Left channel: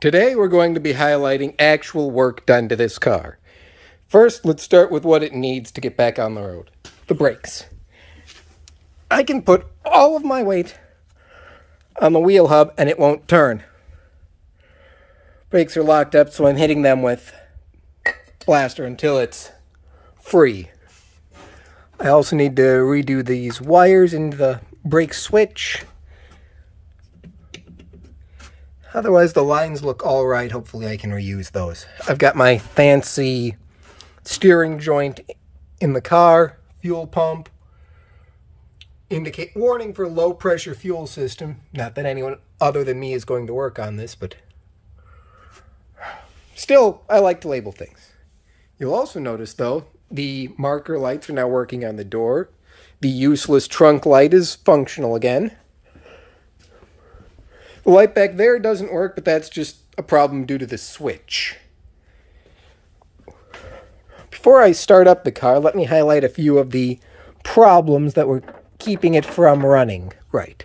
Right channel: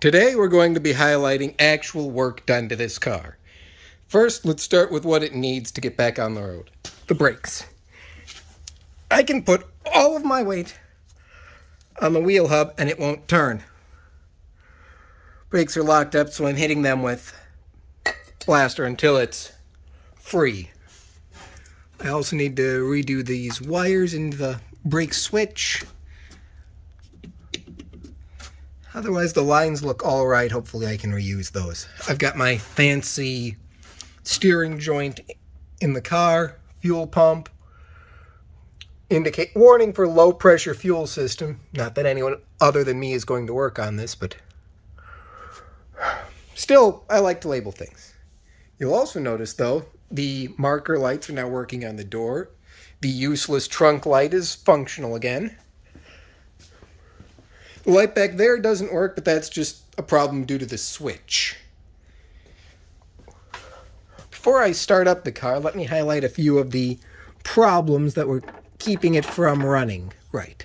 Today we're going to be highlighting actual work done to this car. First, let's start with what it needs to get back on the road. The brakes. I can put all of my weight on the wheel hub and it won't turn. Brakes are locked up, so I'm hitting them with plaster until it's free. I also need to redo these wires into the brake switch. Otherwise, the lines look all right. Hopefully, I can reuse those. I've got my fancy steering joint in the car, fuel pump, warning for low pressure fuel system. Not that anyone other than me is going to work on this, but still, I like to label things. You'll also notice, though, the marker lights are now working on the door. The useless trunk light is functional again. The light back there doesn't work, but that's just a problem due to the switch. Before I start up the car, let me highlight a few of the problems that were keeping it from running right.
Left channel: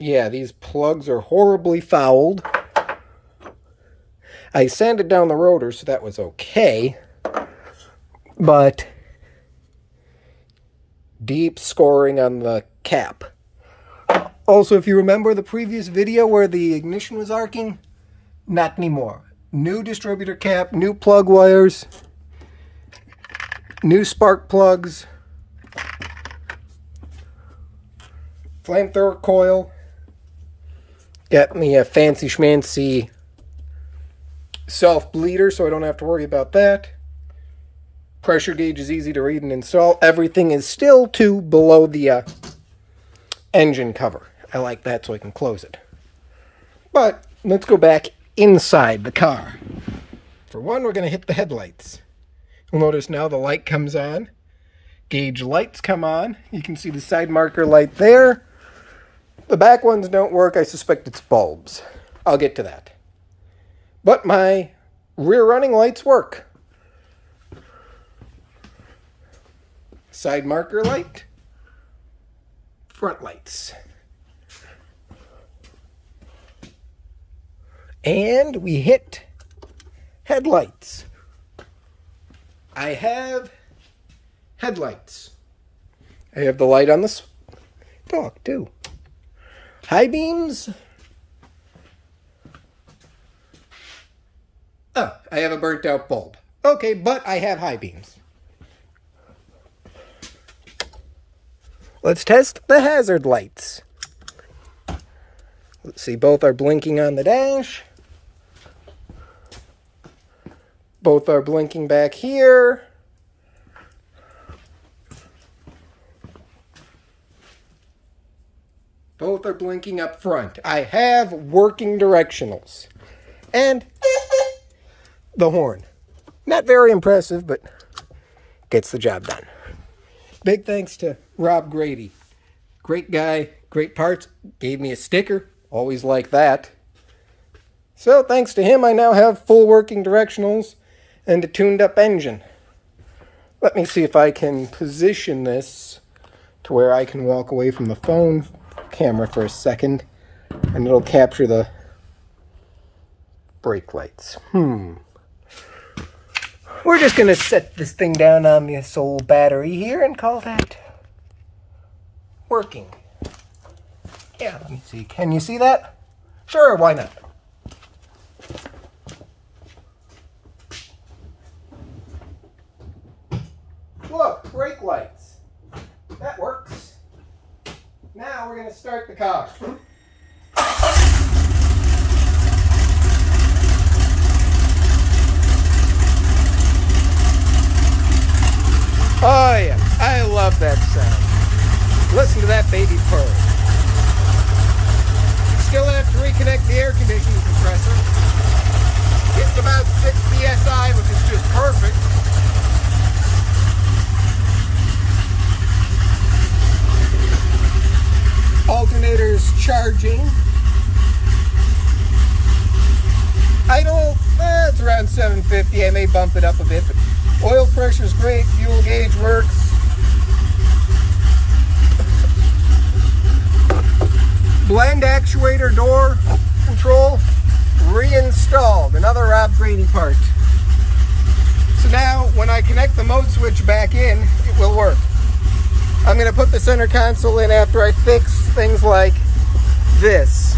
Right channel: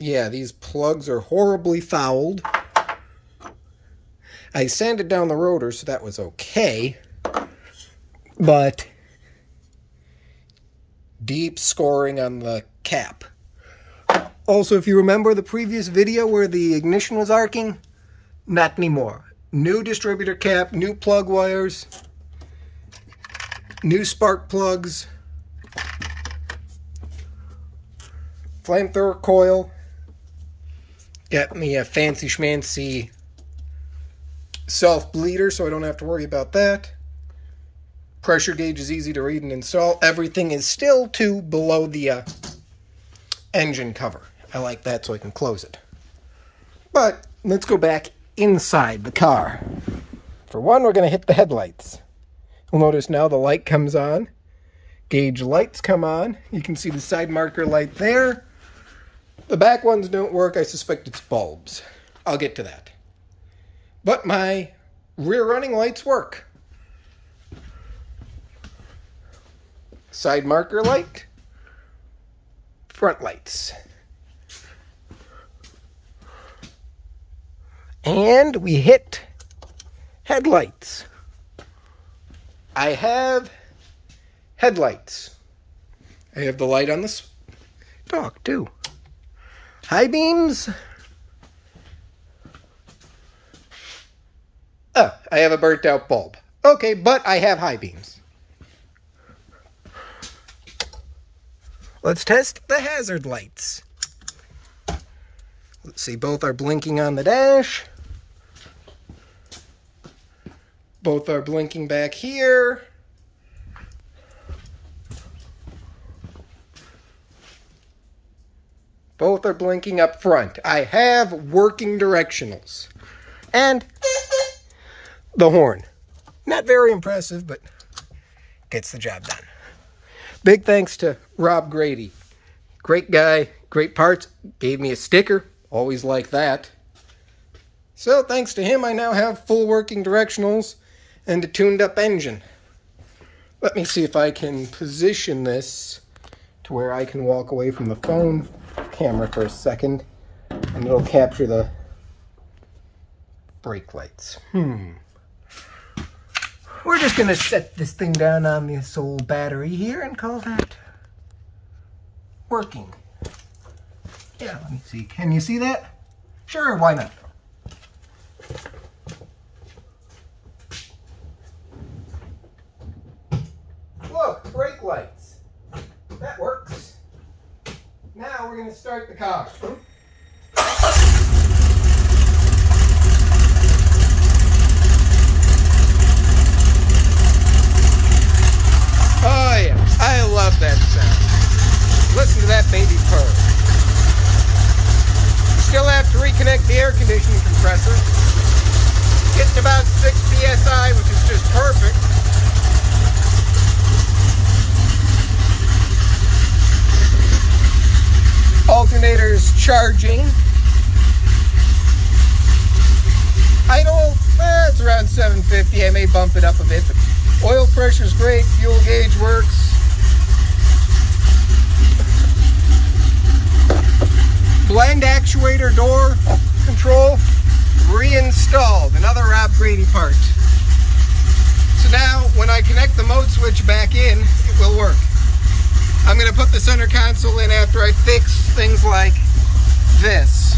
Yeah, these plugs are horribly fouled. I sanded down the rotor, so that was okay. But deep scoring on the cap. Also, if you remember the previous video where the ignition was arcing, not anymore. New distributor cap, new plug wires, new spark plugs, flamethrower coil. Got me a fancy schmancy self-bleeder, so I don't have to worry about that. Pressure gauge is easy to read and install. Everything is still below the engine cover. I like that so I can close it. But let's go back inside the car. For one, we're going to hit the headlights. You'll notice now the light comes on. Gauge lights come on. You can see the side marker light there. The back ones don't work. I suspect it's bulbs. I'll get to that. But my rear running lights work. Side marker light. Front lights. And we hit headlights. I have headlights. I have the light on the stalk too. High beams. I have a burnt out bulb. Okay, but I have high beams. Let's test the hazard lights. Let's see, both are blinking on the dash. Both are blinking back here. Both are blinking up front. I have working directionals. And the horn. Not very impressive, but gets the job done. Big thanks to Rob Grady. Great guy, great parts. Gave me a sticker. Always like that. So thanks to him, I now have full working directionals and a tuned up engine. Let me see if I can position this to where I can walk away from the phone camera for a second and it'll capture the brake lights. We're just going to set this thing down on this old battery here and call that working. Yeah, let me see. Can you see that? Sure, why not? Look, brake lights. That works. Now we're going to start the car. Oh yeah, I love that sound. Listen to that baby purr. Still have to reconnect the air conditioning compressor. Getting about 6 psi, which is just perfect. Alternator's charging. Idle, it's around 750. I may bump it up a bit, but oil pressure's great. Fuel gauge works. Blank hind actuator door control reinstalled. Another Rob Grady part. So now when I connect the mode switch back in, it will work. I'm going to put the center console in after I fix things like this.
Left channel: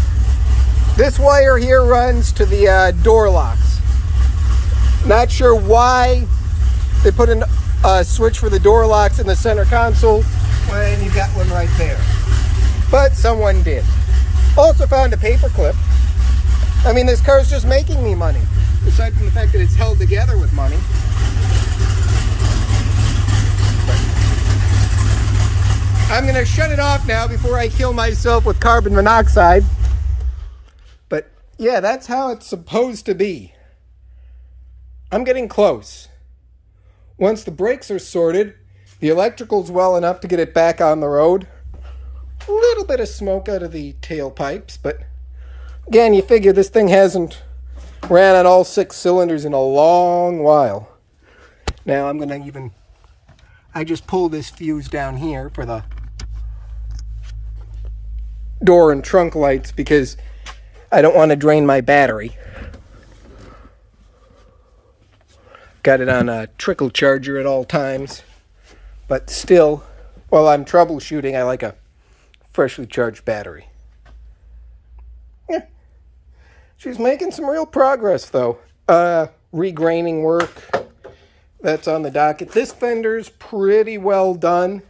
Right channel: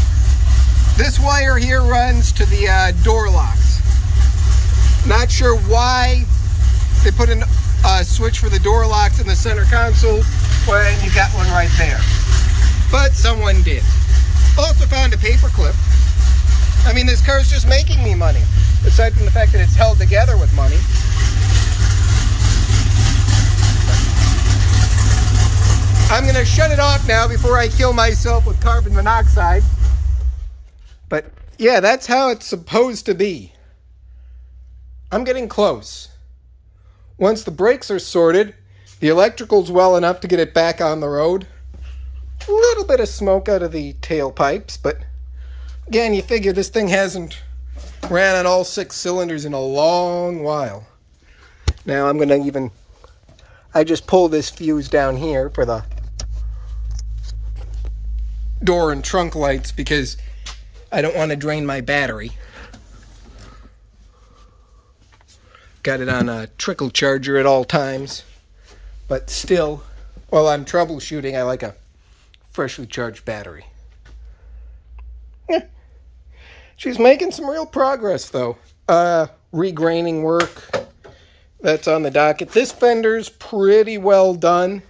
This wire here runs to the door locks. Not sure why they put a switch for the door locks in the center console when you got one right there. But someone did. Also found a paper clip. I mean, this car's just making me money, aside from the fact that it's held together with money. But I'm going to shut it off now before I kill myself with carbon monoxide. But yeah, that's how it's supposed to be. I'm getting close. Once the brakes are sorted, the electrical's well enough to get it back on the road. A little bit of smoke out of the tailpipes, but again, you figure this thing hasn't ran on all 6 cylinders in a long while. Now I'm going to I just pulled this fuse down here for the door and trunk lights because I don't want to drain my battery. Got it on a trickle charger at all times. But still, while I'm troubleshooting, I like a freshly charged battery. Yeah. She's making some real progress, though. Regraining work, that's on the docket. This fender's pretty well done.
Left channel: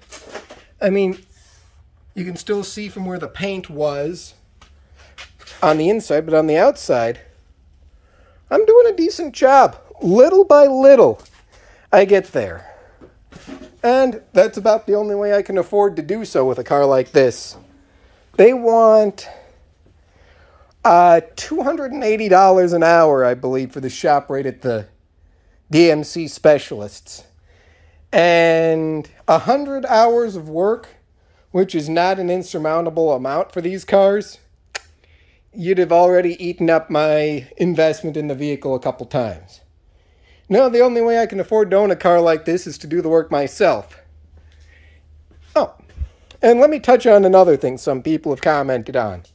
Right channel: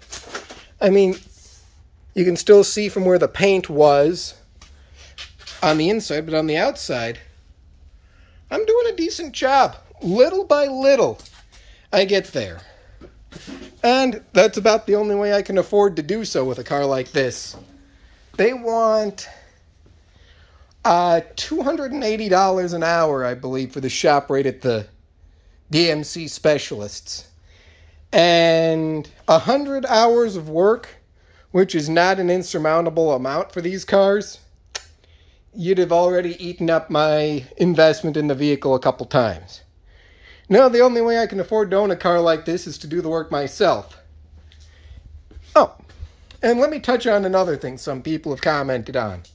I mean, you can still see from where the paint was on the inside, but on the outside, I'm doing a decent job. Little by little, I get there. And that's about the only way I can afford to do so with a car like this. They want $280 an hour, I believe, for the shop rate at the DMC specialists. And 100 hours of work, which is not an insurmountable amount for these cars, you'd have already eaten up my investment in the vehicle a couple times. No, the only way I can afford to own a car like this is to do the work myself. Oh, and let me touch on another thing some people have commented on.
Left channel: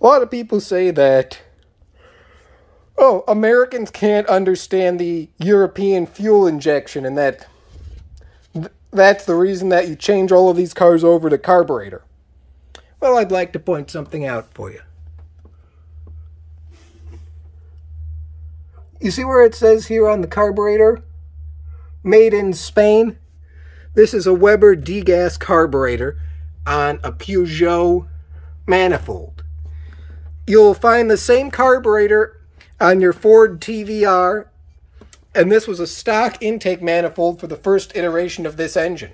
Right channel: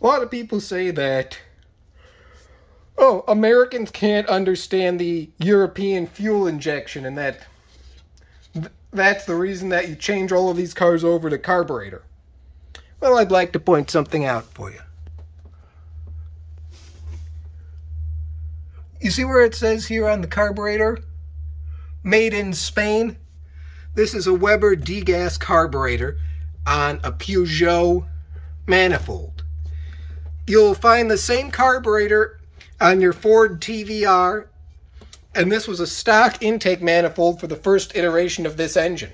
A lot of people say that, oh, Americans can't understand the European fuel injection and that's the reason that you change all of these cars over to carburetor. Well, I'd like to point something out for you. You see where it says here on the carburetor, made in Spain? This is a Weber degas carburetor on a Peugeot manifold. You'll find the same carburetor on your Ford TVR, and this was a stock intake manifold for the first iteration of this engine.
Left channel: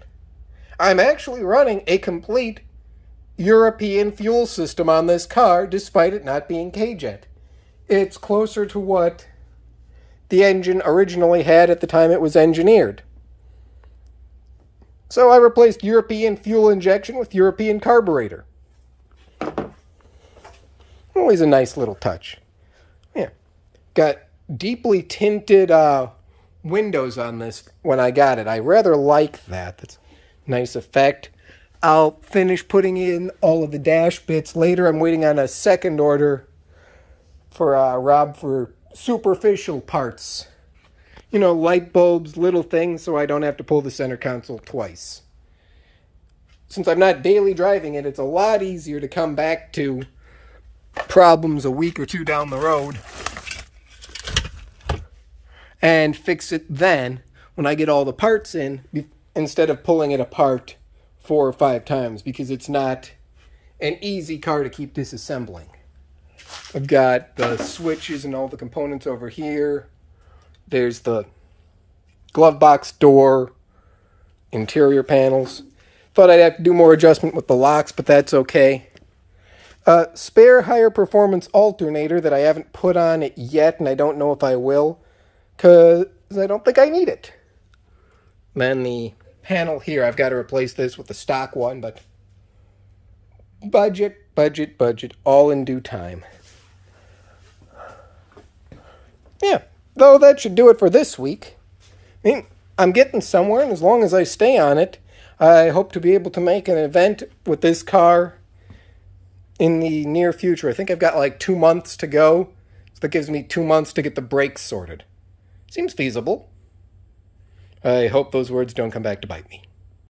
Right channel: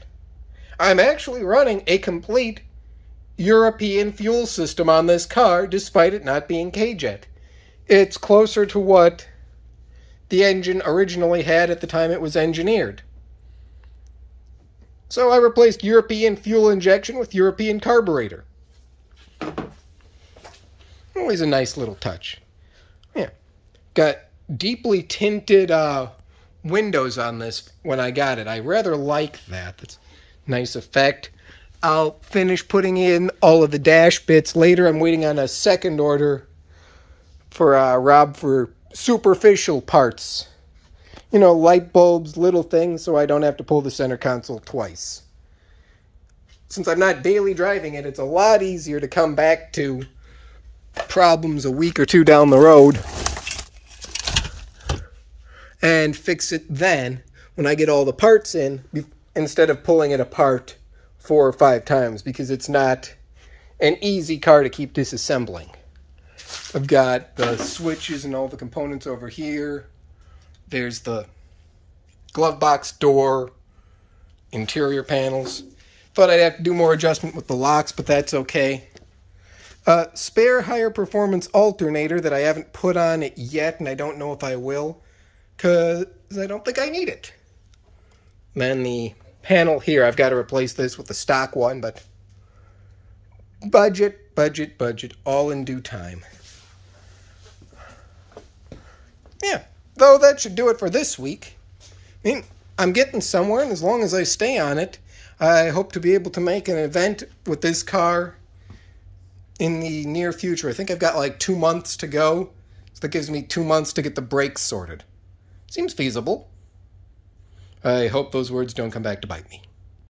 I'm actually running a complete European fuel system on this car, despite it not being K-Jet. It's closer to what the engine originally had at the time it was engineered. So I replaced European fuel injection with European carburetor. Always a nice little touch. Yeah. Got deeply tinted windows on this when I got it. I rather like that. That's a nice effect. I'll finish putting in all of the dash bits later. I'm waiting on a second order for Rob for superficial parts. You know, light bulbs, little things, so I don't have to pull the center console twice. Since I'm not daily driving it, it's a lot easier to come back to problems a week or two down the road and fix it then when I get all the parts in, instead of pulling it apart 4 or 5 times, because it's not an easy car to keep disassembling. I've got the switches and all the components over here. There's the glove box door, interior panels. Thought I'd have to do more adjustment with the locks, but that's okay. Spare higher performance alternator that I haven't put on it yet, and I don't know if I will, because I don't think I need it. Then the panel here, I've got to replace this with the stock one, but budget, all in due time. Yeah, though that should do it for this week. I mean, I'm getting somewhere, and as long as I stay on it, I hope to be able to make an event with this car in the near future. I think I've got like 2 months to go. So that gives me 2 months to get the brakes sorted. Seems feasible. I hope those words don't come back to bite me.